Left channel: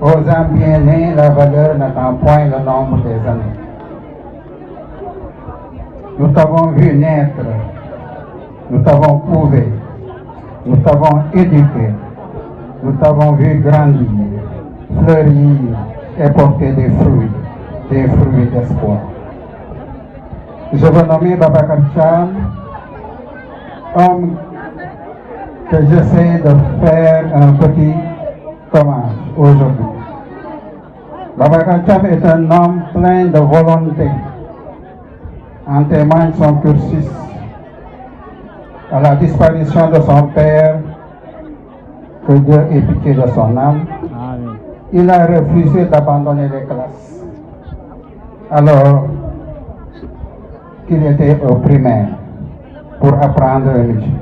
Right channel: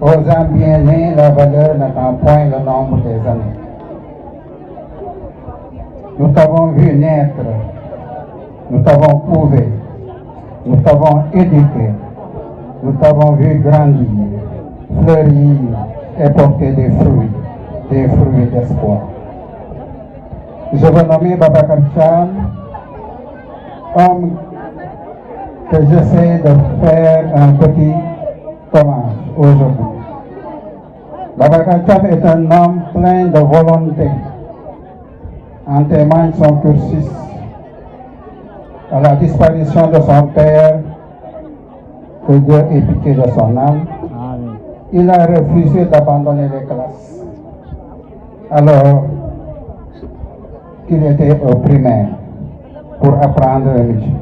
Aux bien nés, la valeur n'attend point le nombre des années. Nous t'avons vu naître, nous t'avons couvé, nous t'avons éduqué, nous t'avons vu grandir, fleurir et porter des fruits d'espoir. Je veux nommer Babacar Thiam, homme que j'essaie de faire un petit hommage aujourd'hui. Babacar Thiam est un homme plein de volonté. En témoigne son cursus. À la disparition de son père, que Dieu ait pitié de son âme, il a refusé d'abandonner les classes. Alors qu'il était au primaire pour apprendre le métier.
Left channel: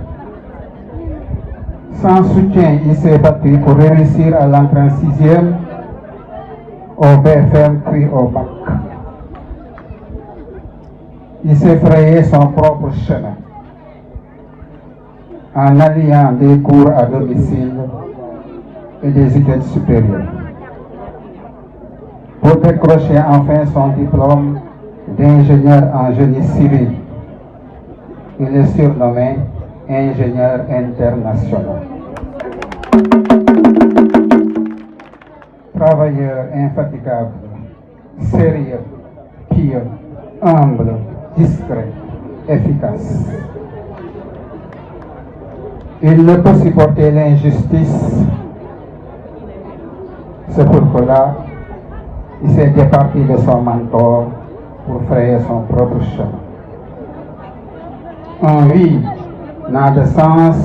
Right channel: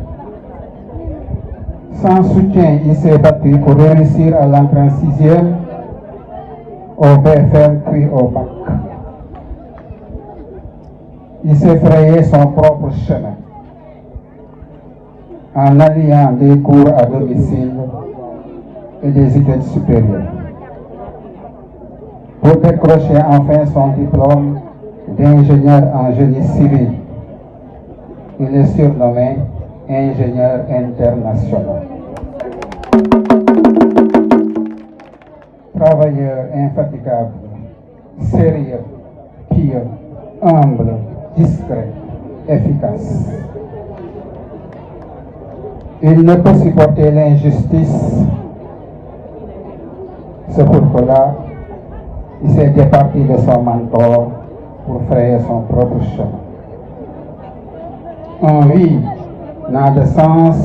Sans soutien, il s'est battu pour réussir à l'entrée en 6e, au BFM puis au bac. Il s'est frayé son propre chemin en alliant des cours à domicile et des études supérieures. Pour décrocher enfin son diplôme d'ingénieur en génie civil, il est surnommé ingénieur international. Travailleur infatigable, sérieux, pieux, humble, discret, efficace. Il ne peut supporter l'injustice. C'est pourquoi il s'est départi de son mentor pour frayer son propre chemin. Un oui n'a de sens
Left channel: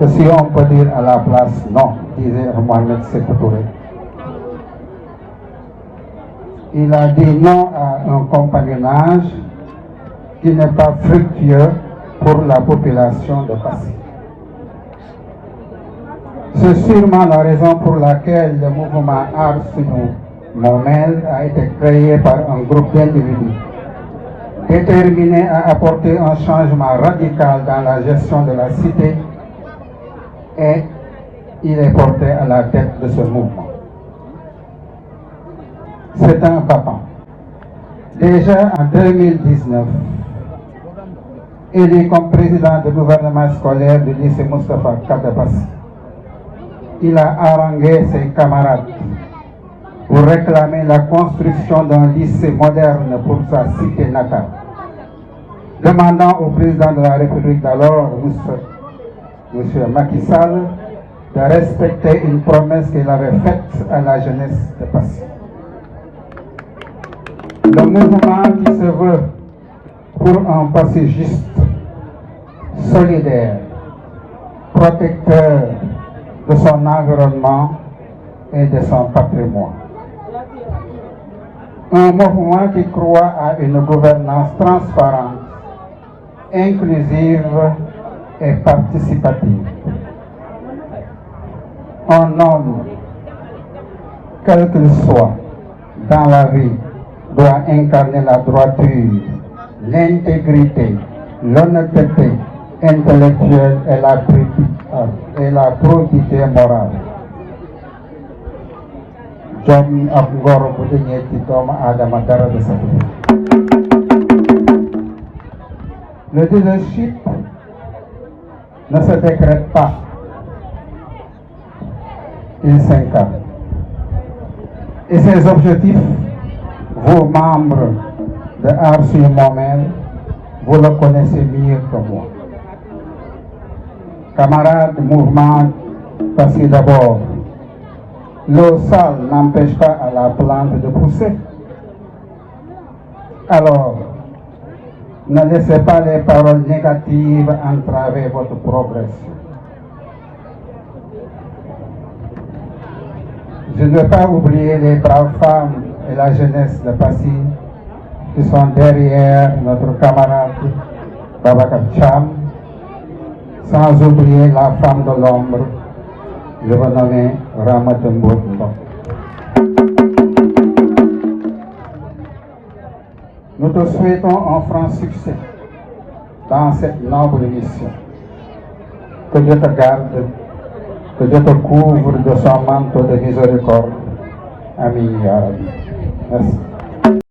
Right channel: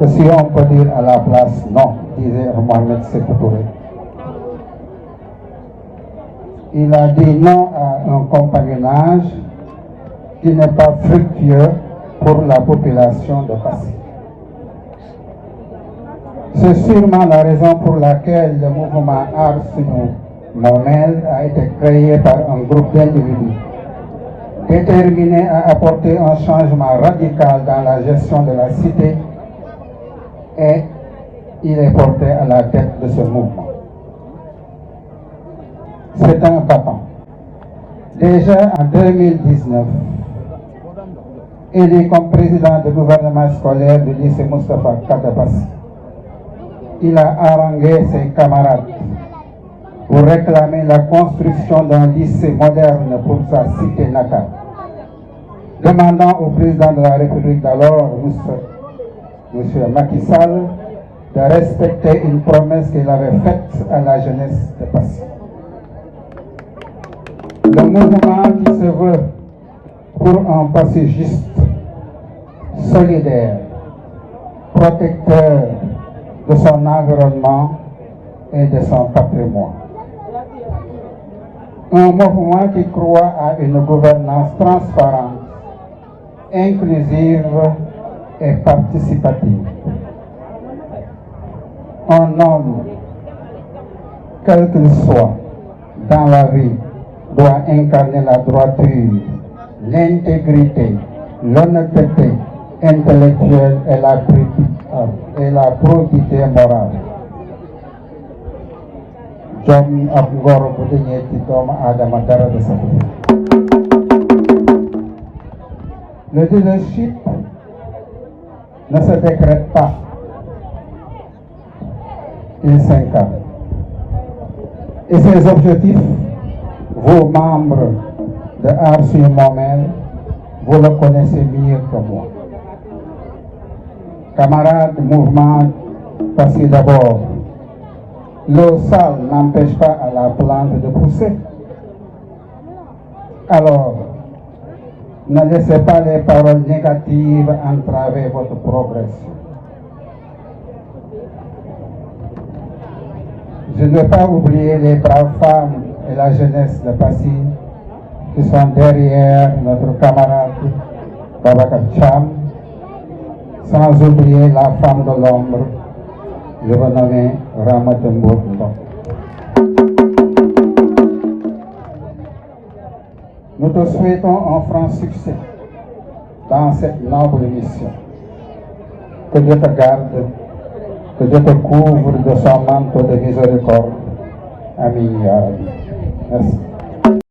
que si on peut dire à la place non, disait Mohamed Sékou Touré. Il a dit non à un compagnonnage qui n'est pas fructueux pour la population de Passy. C'est sûrement la raison pour laquelle le mouvement Aar Sunu Moomel a été créé par un groupe d'individus déterminés à apporter un changement radical dans la gestion de la cité, et il est porté à la tête de ce mouvement. C'est un battant. Déjà en 2019, élu comme président du gouvernement scolaire du lycée Moustapha Kadabassi, il a harangué ses camarades pour réclamer la construction d'un lycée moderne pour sa cité natale, demandant au président de la République d'alors, M. Macky Sall, de respecter une promesse qu'il avait faite à la jeunesse de Passy. Le mouvement qui se veut pour un Passy juste, solidaire, protecteur de son environnement et de son patrimoine. Un mouvement qui croit à une gouvernance transparente, inclusive et participative. Un homme, quel qu'il soit, dans la vie, doit incarner la droiture, l'intégrité, l'honnêteté intellectuelle et la probité morale. Jom ab ngor bu dañee ci doomu aadama dara de sa. Le leadership ne se décrète pas, il s'incarne. Et ses objectifs, vous membres de Aar Sunu Moomel, vous le connaissez mieux que moi. Camarades mouvement, parce que d'abord, l'eau sale n'empêche pas à la plante de pousser. Alors, ne laissez pas les paroles négatives entraver votre progression. Je ne veux pas oublier les braves femmes et la jeunesse de Passy qui sont derrière notre camarade Babacar Thiam, sans oublier la femme de l'ombre, je veux nommer Ramata Mbodj Ndong. Nous te souhaitons un franc succès dans cette noble mission. Que Dieu te garde, que Dieu te couvre de son manteau de miséricorde. Amin, ya Rabbi. Merci.